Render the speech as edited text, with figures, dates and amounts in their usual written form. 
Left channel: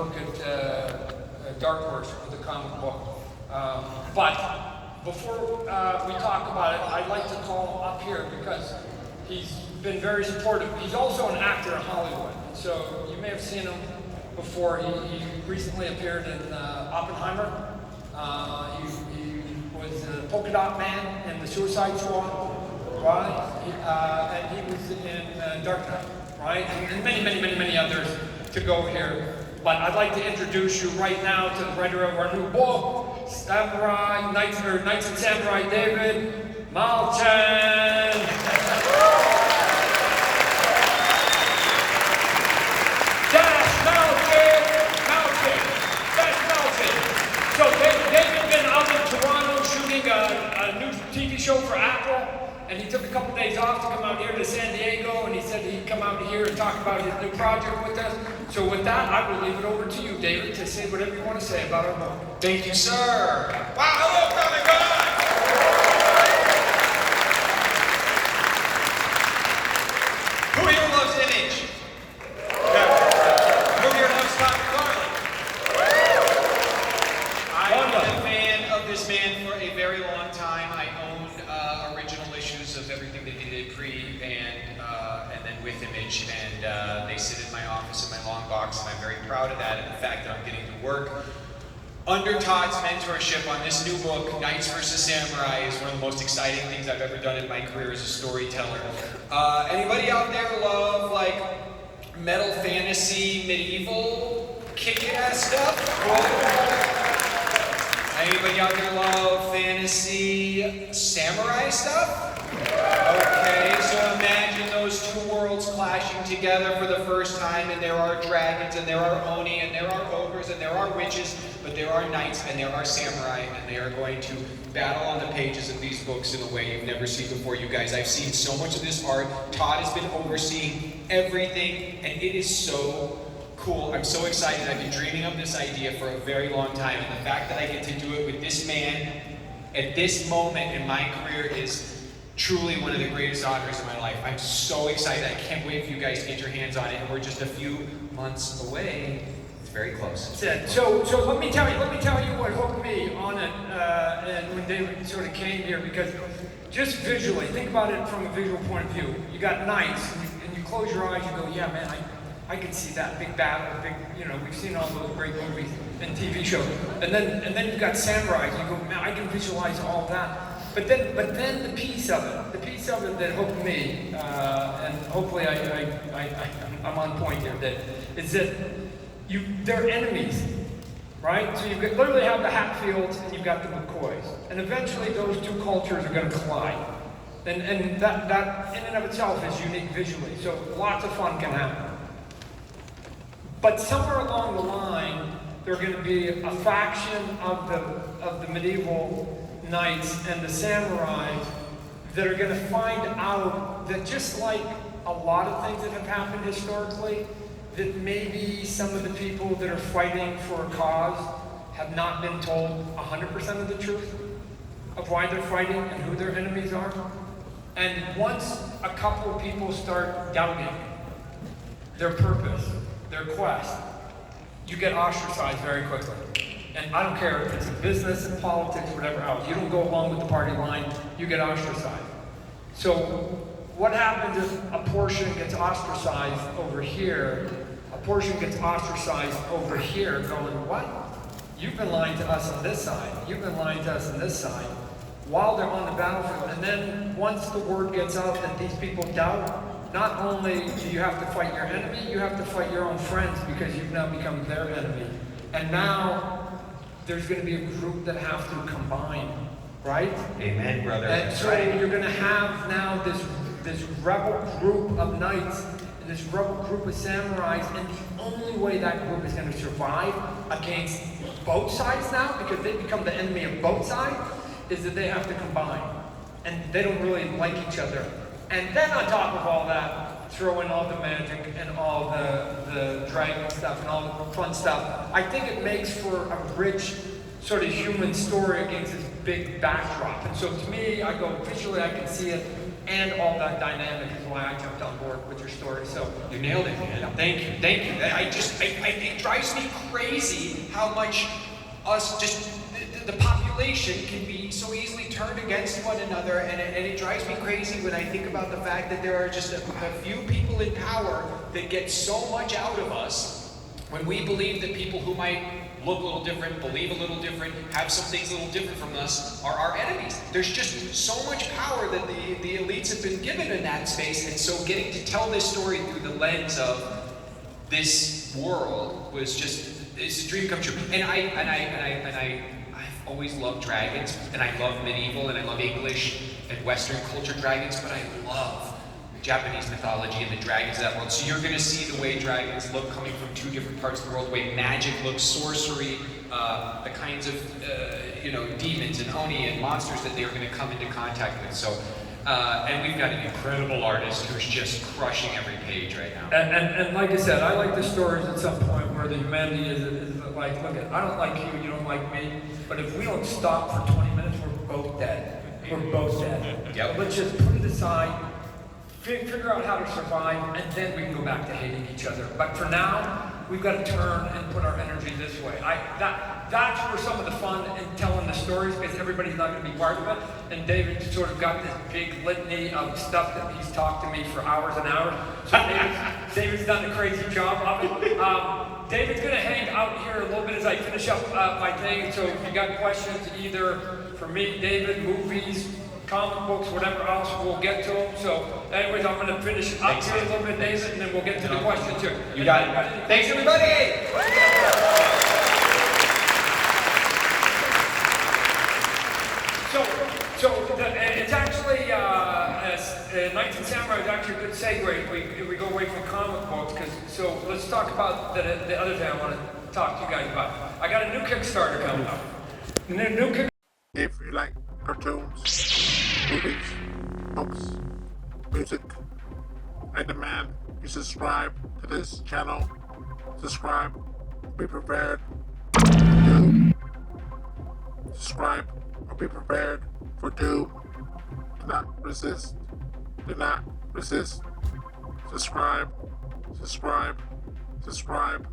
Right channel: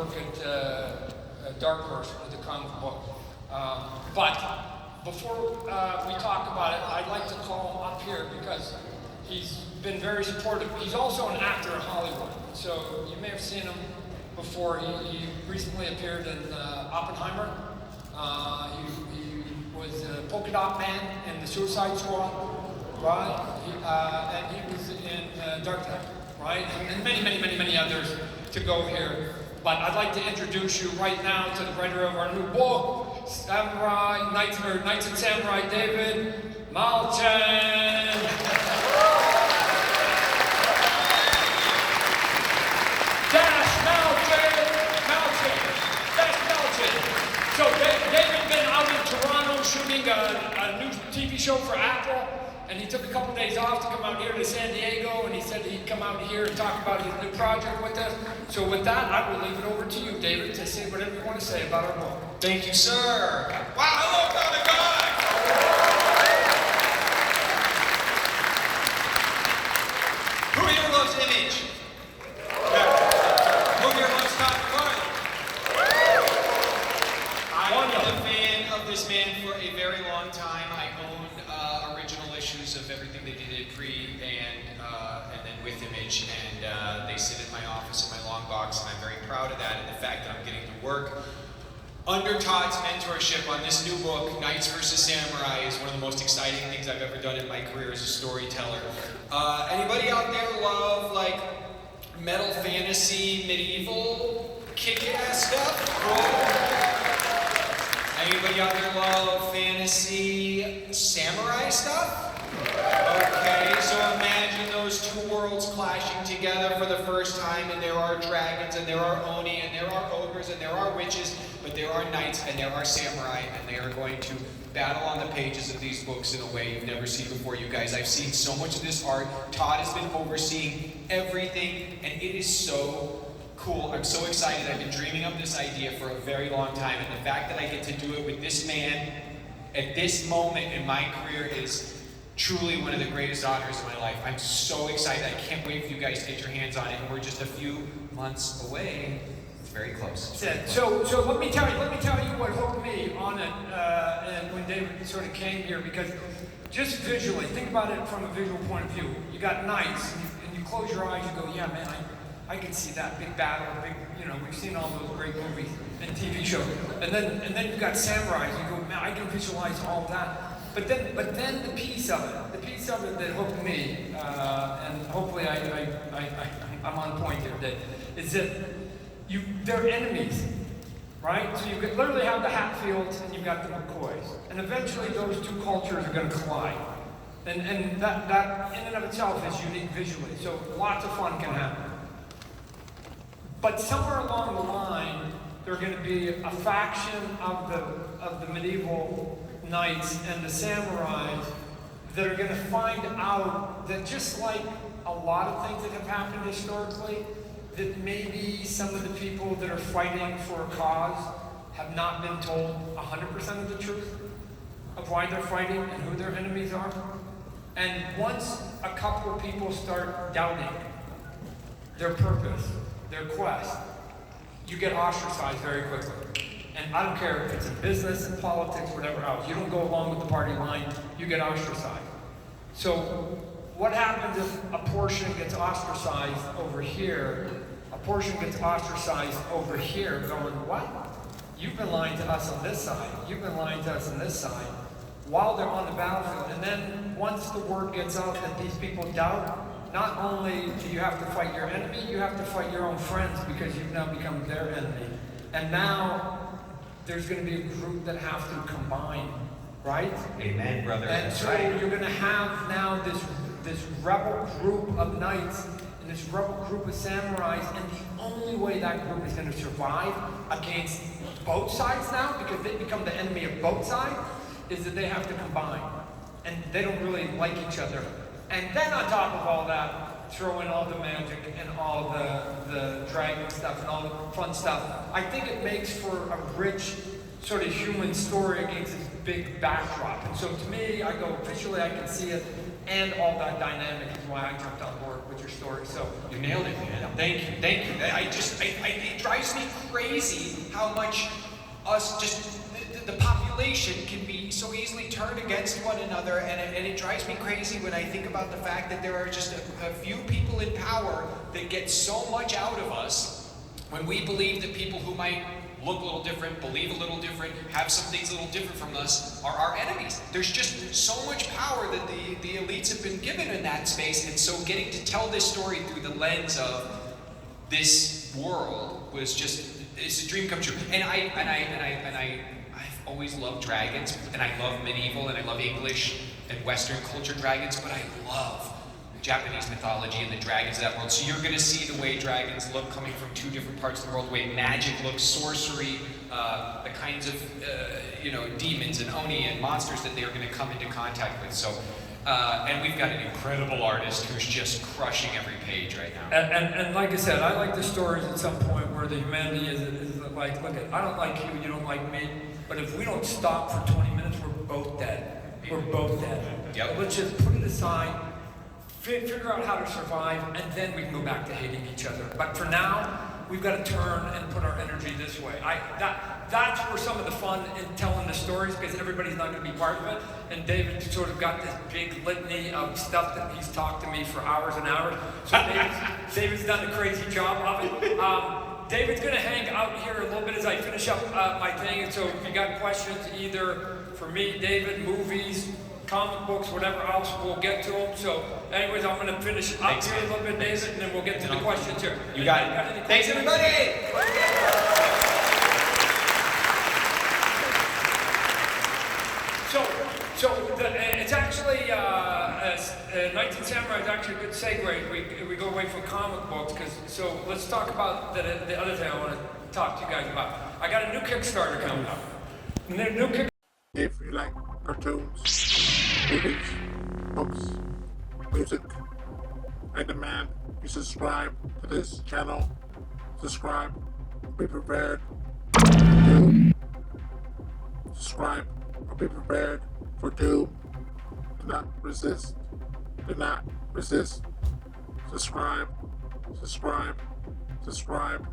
work at Dark Horse with the comic book. But before we talk about it, I'd like to call him up here because he's been very supportive. He's also an actor in Hollywood, so you may have seen him before. He recently appeared in Oppenheimer. He was the Polka Dot Man in the Suicide Squad, right? And he was in Dark Knight, right? And many others to go here. But I'd like to introduce you right now to the writer of our new book, Samurai Knights and Samurai, David Malchin. So David's been out in Toronto shooting a new TV show for Apple, and he took a couple days off to come out here to San Diego, and he said he'd come out here and talk about his new project with us. So with that, I will leave it over to you, David, to say whatever you want to say about our book. Thank you, sir. Wow, hello, Father God! Who here loves Image? Yeah. Who here loves Todd McFarlane? I've been a fan of this man for a very long time. I own original issues of everything they did pre and then with Image, and they sit in my office in my long box, and I'm very proud of that, and the fact that I'm getting to work under Todd's mentorship on this new book, Knights vs. Samurai, is one of the most exciting things I've ever done in my career as a storyteller. Anybody out there love like metal fantasy, medieval, kick-ass stuff? Anybody out there love fantasy, samurai stuff? Okay, so imagine those two worlds clashing together for the first time, and there are dragons, and there are oni, and there are ogres, and there are witches, but there are knights, and there are samurai, and they are going to battle on the pages of these books in a way you've never seen before, you guys. I've seen so much of this art. Todd has been overseeing everything, and it is so cool. I'm so excited. I've been dreaming of this idea for a very long time, and the fact that I get to do it with this man at this moment in my career is truly one of the greatest honors of my life. I'm so excited. I can't wait for you guys to get your hands on it, and we're just a few months away. It's very close. So let me tell you what hooked me on it, and when David sort of came here, because just visually, think about it from a visual point of view. You got knights, and you close your eyes, you go, yeah, man, I can see that big battle, we've seen all those great movies and TV shows. And then you've got samurais, you go, man, I can visualize all of that. But then the piece of it that hooked me, and hopefully I'm on point here, is that they're enemies, right? So you literally have the Hatfields and you've got the McCoys, and eventually those two cultures are going to collide, and that in and of itself is unique visually. So lots of fun can happen. But somewhere along the line, there's going to be a faction of the medieval knights and the samurai that are going to find out that, just like a lot of things that have happened historically, that maybe some of the people that are fighting for a cause have not been told 100% of the truth of why they're fighting and who their enemies are. And once a couple of people start doubting their purpose, their quest, you get ostracized very quickly. And I don't care if it's in business, in politics, whatever else. You don't go along with the party line, you get ostracized. So what happens if a portion gets ostracized over here, a portion gets ostracized over here, going, what? You've been lying to us on this side, you've been lying to us on this side, while they're on the battlefield. And then once the word gets out that these people doubt, not only do you have to fight your enemy, you have to fight your own friends, because you've now become their enemy. And now there's going to be a group that have to combine, right? Amen, brother. And so you're going to have now this rebel group of knights and this rebel group of samurais, and the only way that group is going to survive against both sides now, because they become the enemy of both sides, is that they have to combine. And they don't really like each other. And then on top of all that, throw in all the magic and all the dragon stuff and all the fun stuff. I think it makes for a rich sort of human story against this big backdrop. And so to me, I go, visually I can see it. and all that dynamic is why I jumped on board with your story. So You nailed it, man. Thank you, thank you. It drives me crazy how much the population can be so easily turned against one another, and it drives me crazy when I think about the fact that there are just a few people in power that get so much out of us when we believe that people who might look a little different, believe a little different, have some things a little different from us are our enemies. There's just so much power that the elites have been given in that space, and so getting to tell this story through the lens of this world was just, it's a dream come true. And I've always loved dragons, and I love medieval, and I love English and Western culture dragons, but I love Japanese mythology and the dragons of that world. So you're going to see the way dragons look coming from two different parts of the world, the way magic looks, sorcery, the kinds of demons and oni and monsters that they're going to come into contact with. So, and we've got an incredible artist who's just crushing every page right now. And like I said, I like the stories at some point where the humanity is like, look, I don't like you, you don't like me, but if we don't stop for 20 minutes, we're both dead. We're both dead. Yep. Let's just put it aside, figure out how to survive, and then we can go back to hating each other. But for now, we've got to turn and put our energy this way. That's where some of the fun in telling the stories, because everybody's not going to be part of it. And David sort of got this big litany of stuff that he's talked to me for hours and hours. So David's done a crazy job of it. David's going to hang out here a little bit as I finish up my thing. So if you got questions, either for me, David, movies, comic books, whatever else, we'll get to them. So anyways, I'm going to finish up here a little bit, David, and then we'll get to the questions here. You got it. Thanks, everybody! It's actually, 19 Samurai is actually a good segue. We go away from comic books, so let's talk about the other thing I want to talk to you guys about. I got a new Kickstarter coming up. If you like cartoons, movies, books, music, I demand you subscribe to this channel. Subscribe, be prepared for doom. Subscribe or be prepared for doom. Do not resist. Do not resist. Subscribe, subscribe, subscribe.